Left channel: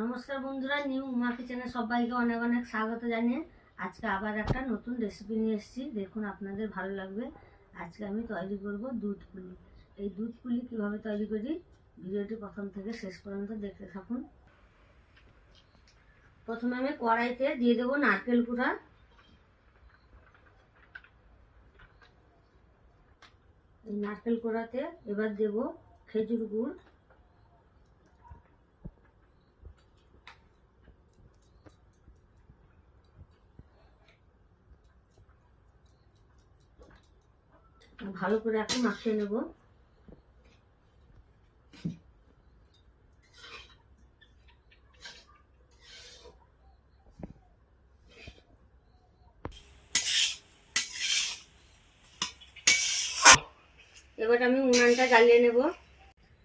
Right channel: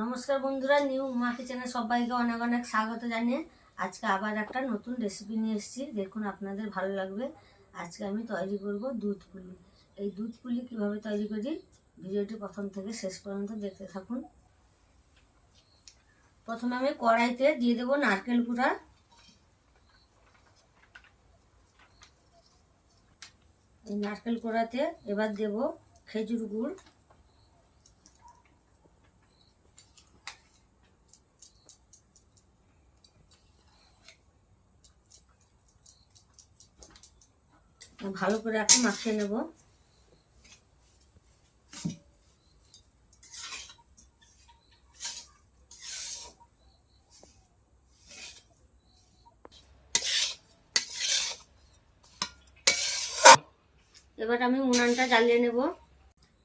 নমস্কার বন্ধুরা, নিউ উমা কিচেনে সবাইকে অনেক অনেক স্বাগত জানিয়ে আজকে আবার একটা নতুন রেসিপি নিয়ে এসেছি। দেখুন আপনাদের ভালো লাগবে। আজকে আমি তৈরি করব দুধ পুলি। এই দুধ পুলি কীভাবে তৈরি করি ভিডিওটি প্রথম থেকে শেষ পর্যন্ত দেখতে থাকুন। প্রথমে আমি কড়াইতে দিয়ে দেবো নারকেল কুড়া। এই নারকেল কুড়াতে এবার দেব খেজুর গুড়, ভালো করে এখন মাখিয়ে নেব। এবার আমি উনানটা জ্বালিয়ে নেব।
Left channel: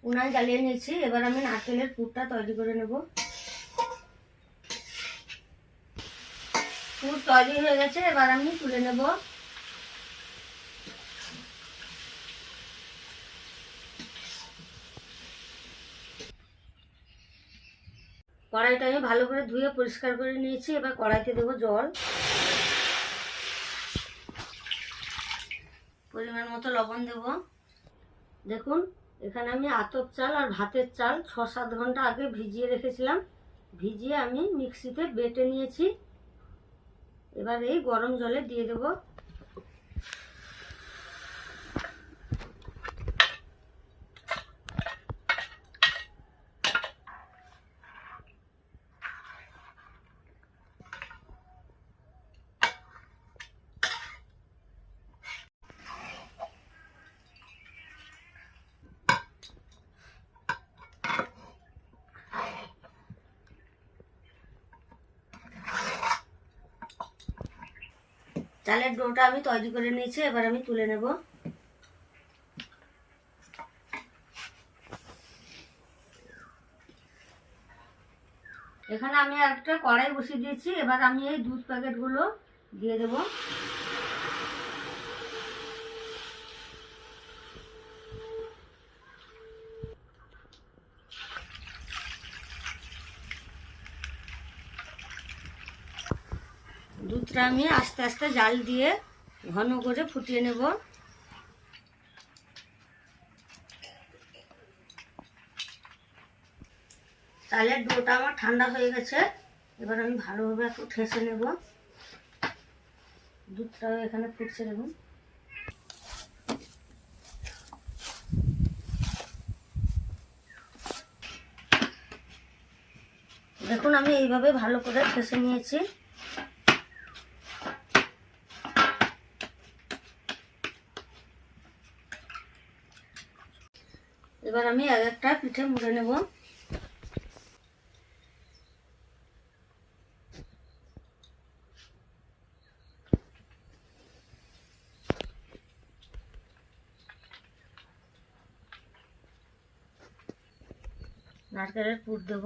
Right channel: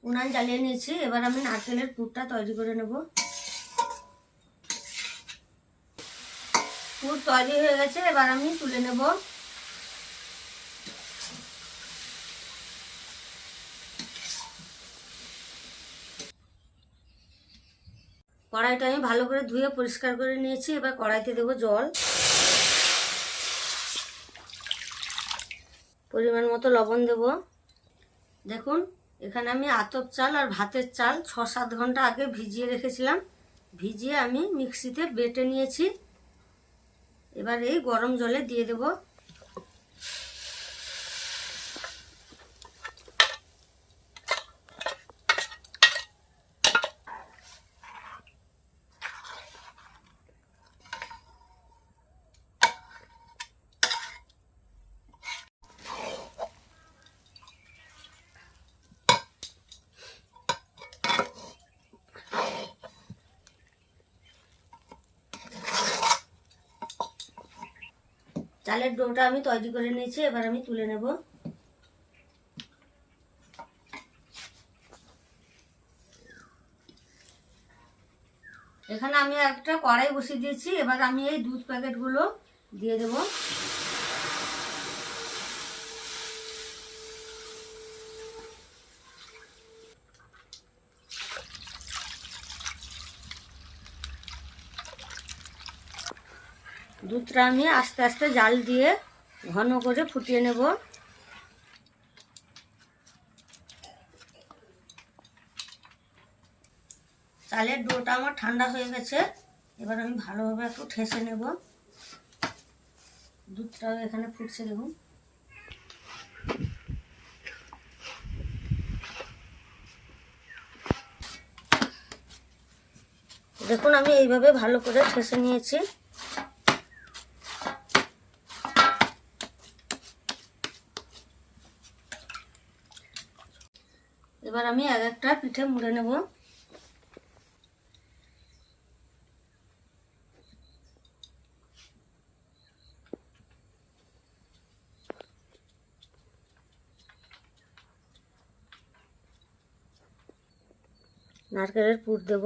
উনান জ্বালিয়ে নিয়েছি। এবার আমি নারকেলের পুরটা তৈরি করে নেব। পুর তৈরি হয়ে গেছে, এবার আমি তুলে নেব। কড়াইটা আমি ভালো করে ধুয়ে পরিষ্কার করে নিয়েছি। এবার কড়াইতে দেবো জল, পরিমাণ মতো লবণ দেব। দেখুন এখানে আমি আতপ চাল আর ভাতের চাল 6-7 ঘন্টা আগে ভিজিয়ে রেখেছিলাম। ভিজিয়ে আমি মিক্সিতে বেটে নিয়েছি। এবার এই গরম জলে দিয়ে দেব। চালের ডোটা আমি তৈরি করে নিয়েছি। এবার আমি তুলে নেব। এখানে আমি একটা কড়াই বসিয়ে দিয়েছি। এবার আমি এই দুধ প্যাকেটগুলো দিয়ে দেব। দুধটা আমি আস্তে আস্তে জাল দিয়ে ঘন করে ফুটিয়ে নেব। চালের ডোটা আমার ঠান্ডা হয়ে গেছে। এবার আমি ভালোভাবে একটু ঠেসে নেব। দুধটাও এখানে ফুটছে দেখুন। দেখুন আমি এইভাবে ভালো করে ঠেসে নিয়েছি। এবার আমি এক একটা পিঠে মুড়ে নেব। নারকেলের পুর দেব।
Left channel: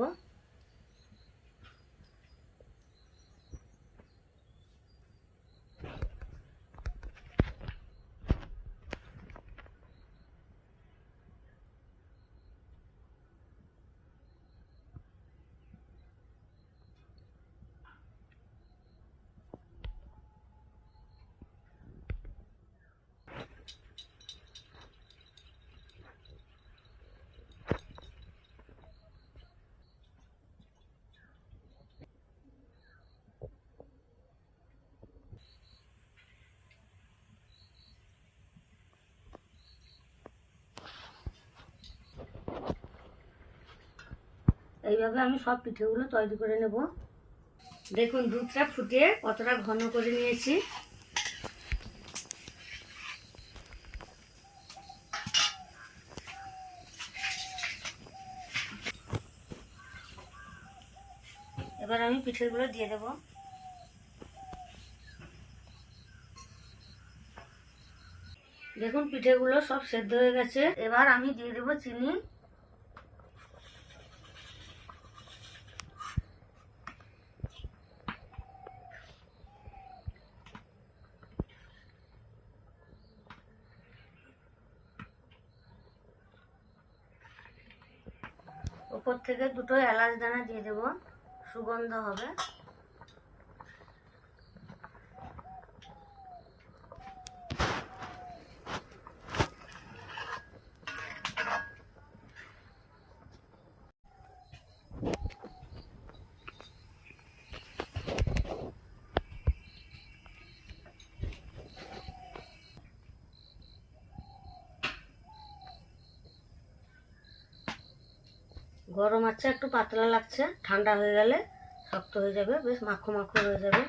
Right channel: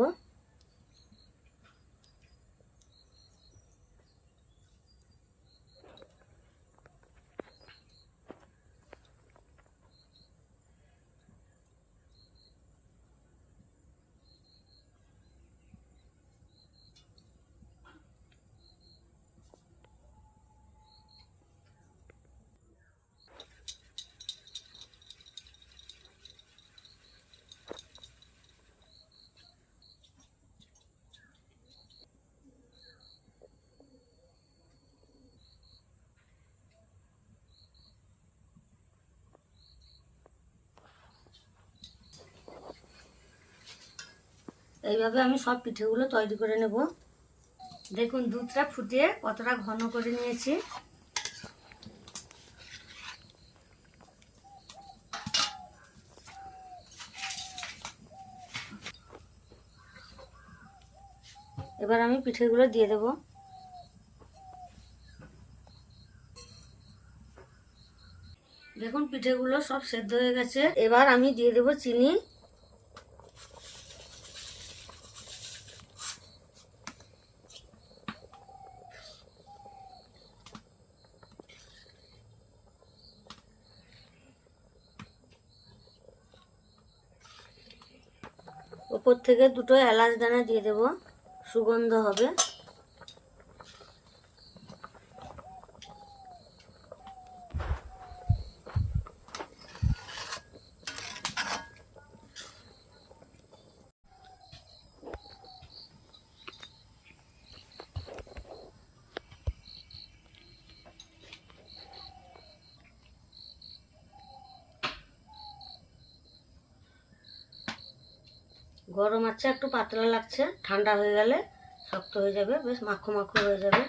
এইভাবে আমি সব পিঠেগুলো তৈরি করে নেব। দেখুন দুধটা ফুটিয়ে কতটা ঘন করে নিয়েছি। এবার আমি পিঠেগুলো দিয়ে দেব। দেখুন পিঠেগুলো সব সেদ্ধ হয়ে গেছে। এবার আমি দিয়ে দেব চিনি। ওপর থেকে দুটো এলাচ দানা দিয়ে দেব, সুগন্ধ হবে। গরম আছে, একটু পাতলা লাগছে, ঠান্ডা হয়ে গেলে শক্ত হয়ে যাবে, বেশ মাখো মাখো হয়ে যাবে।